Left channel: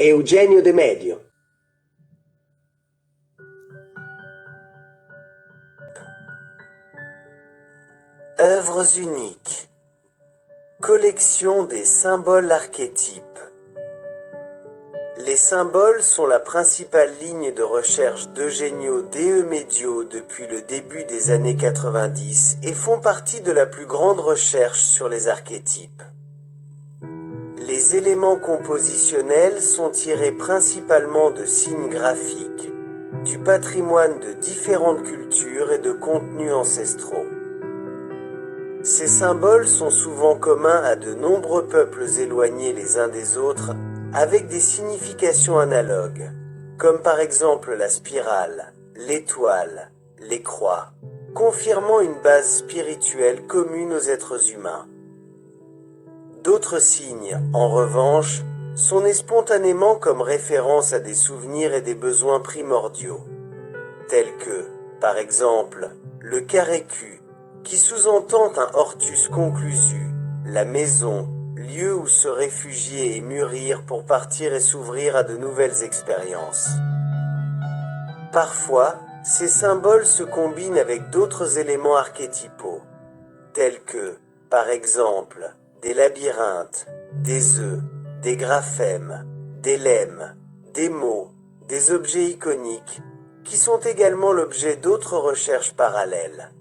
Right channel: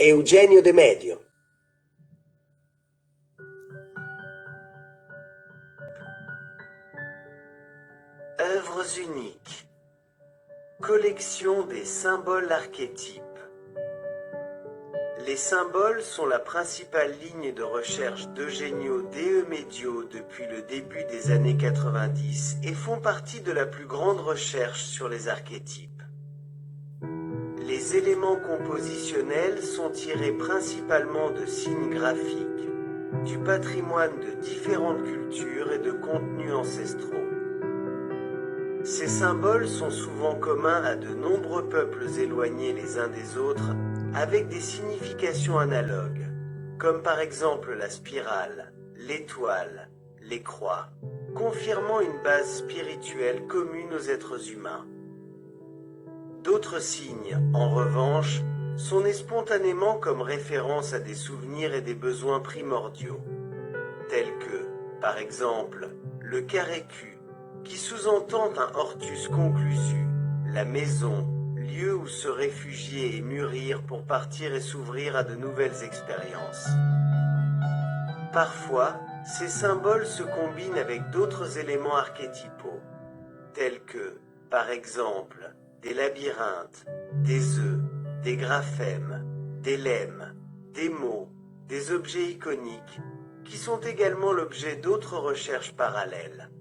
Eugenio De Medio. Œuvres uniques. Collection des symboles archétypes. Les symboles sont la principale ligne de recherche d'Eugenio De Medio depuis le début des années 90 et font partie de la plus grande recherche sur les archétypes. Les éléments compositionnels sont tirés principalement de signes graphiques, du patrimoine de différentes cultures et de contenus ancestraux. Ces symboles sont souvent communs à de nombreux peuples éloignés les uns des autres, avec des significations analogues, comme par exemple la spirale, l'étoile, les croix, confirmant une base spirituelle commune aux êtres humains. D'autres signes, en revanche, sont nés spontanément comme référence à des souvenirs et des besoins primordiaux, tels que, par exemple, le carré Q, qui sous-entend un hortus conclusu, la maison, lieu où se réfugier et mûrir pour partir et s'ouvrir à de nouvelles expériences. Parfois, ces symboles se combinent avec d'autres éléments archétypaux, tels que, par exemple, des labyrinthes, des œufs, des graphèmes, des lemmes, des mots, des objets iconiques, qui sont également l'objet d'autres recherches parallèles.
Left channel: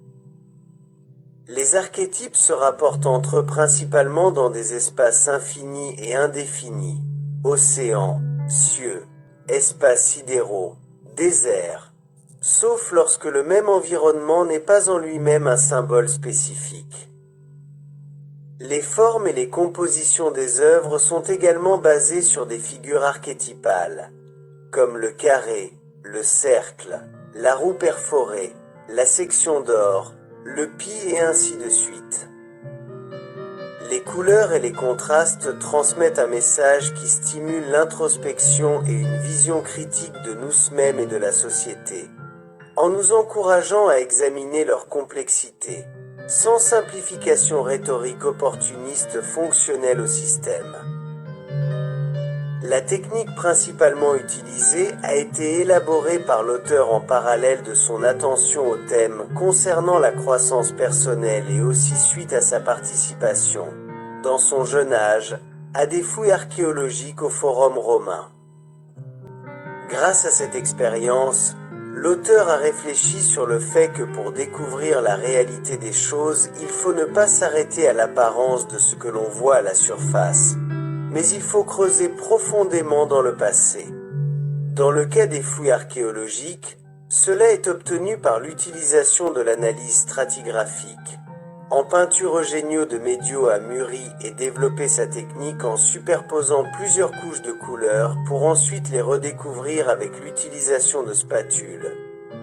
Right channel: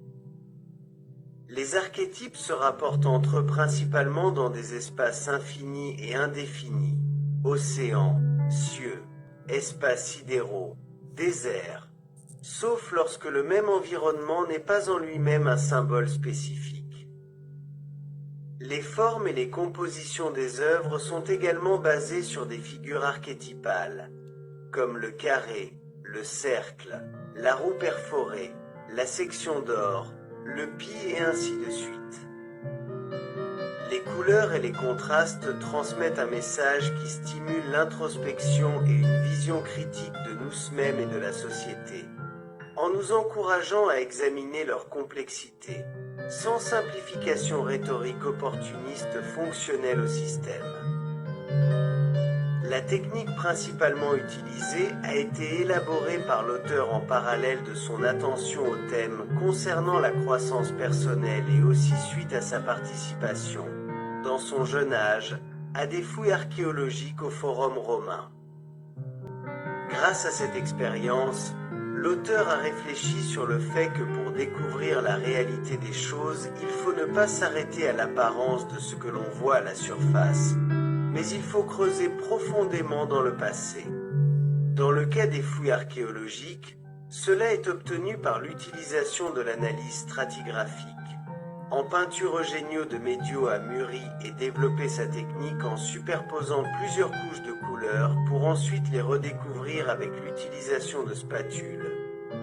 Les archétypes se rapportent entre eux principalement dans des espaces infinis et indéfinis, océans, cieux, espaces sidéraux, déserts, sauf lorsque le même environnement n'est pas en lui-même un symbole spécifique. Les formes et les compositions des œuvres sont également basées sur des figures archétypales, comme le carré, le cercle, la roue perforée, la section d'or, le pie et ainsi de suite. Les couleurs et les contrastes transmettent un message qui stimule l'introspection et une vision critique de nous-mêmes et de la société, en nous encourageant à examiner leur complexité, sans simplification rhétorique opportuniste fonctionnelle au système. La technique principalement utilisée a été élaborée par l'auteur en parallèle de son attention au thème concernant la croissance personnelle et aussi suite à sa participation, dans son jeune âge, à des fouilles archéologiques au Forum romain. Grâce à cette expérience, l'auteur a réfléchi sur le fait que pour découvrir la réalité des choses, il faut ne pas s'arrêter à l'apparence de ce que l'on voit à la surface, mais il faut creuser profondément dans le passé. Dans le cas des fouilles archéologiques, cela est obtenu par l'utilisation de l'analyse stratigraphique. En peinture, Eugenio De Medio a mûri et développé sa technique en superposant plusieurs couches de couleurs pour ensuite les redécouvrir avec l'utilisation de spatules,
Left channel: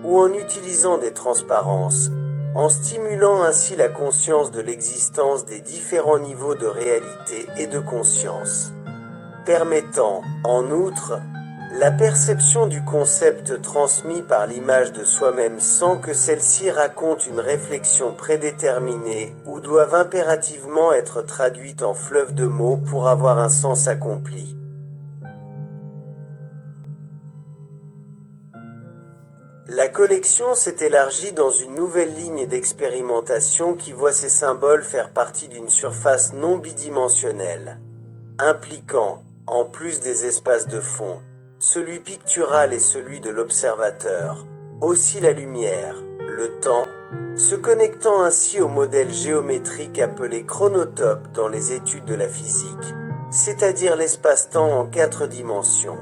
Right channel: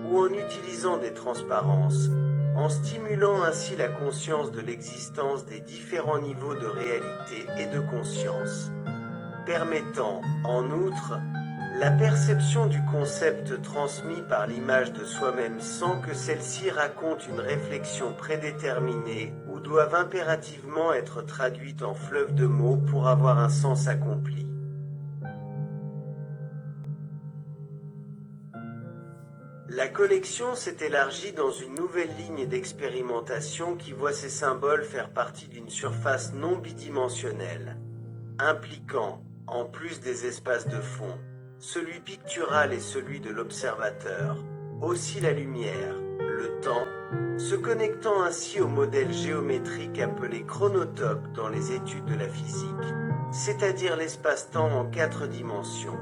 ou en utilisant des transparences, en stimulant ainsi la conscience de l'existence des différents niveaux de réalité et de conscience, permettant, en outre, la perception du concept transmis par l'image de soi-même sans que celle-ci raconte une réflexion prédéterminée ou doive impérativement être traduite en fleuve de mots pour avoir un sens accompli. La collection s'est élargie dans une nouvelle ligne d'expérimentation qui voit ces symboles faire partie d'une surface non bidimensionnelle, impliquant, en plus des espaces de fond, celui pictural et celui de l'observateur, aussi la lumière, le temps, se connectant ainsi au modèle géométrique appelé chronotope dans les études de la physique, c'est-à-dire l'espace-temps en 4 dimensions.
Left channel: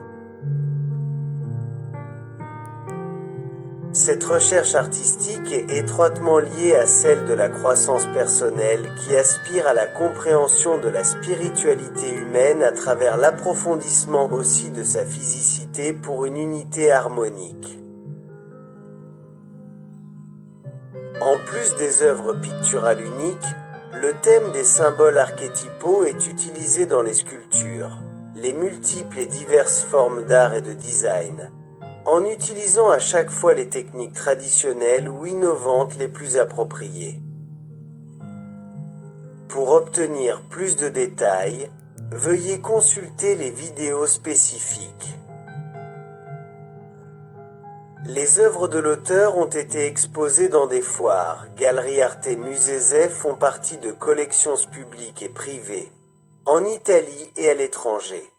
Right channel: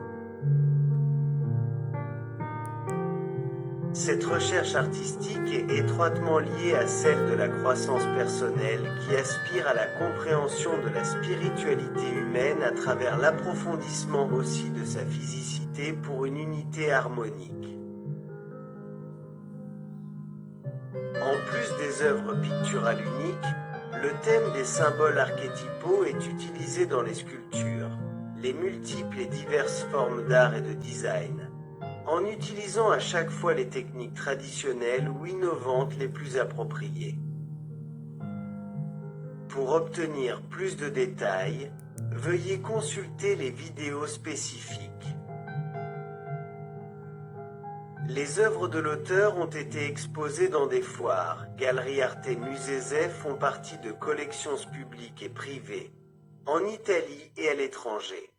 Cette recherche artistique est étroitement liée à celle de la croissance personnelle qui aspire à la compréhension de la spiritualité humaine à travers l'approfondissement aussi de sa physicité pour une unité harmonique. En plus des œuvres picturales uniques, le thème des symboles archétypaux est utilisé dans les sculptures, les multiples et diverses formes d'art et de design, en utilisant à chaque fois les techniques traditionnelles ou innovantes les plus appropriées. Pour obtenir plus de détails, veuillez consulter les vidéos spécifiques. Les œuvres de l'auteur ont été exposées dans des foires. Galeries Arte Musée font partie de collections publiques et privées, en Italie et à l'étranger.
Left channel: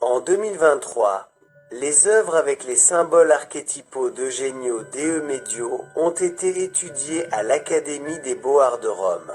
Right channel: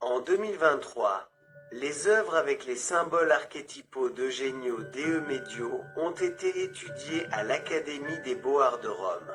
En 2023, les œuvres avec les symboles archétypaux d'Eugenio Dei Medio ont été étudiées à l'Académie des Beaux-Arts de Rome.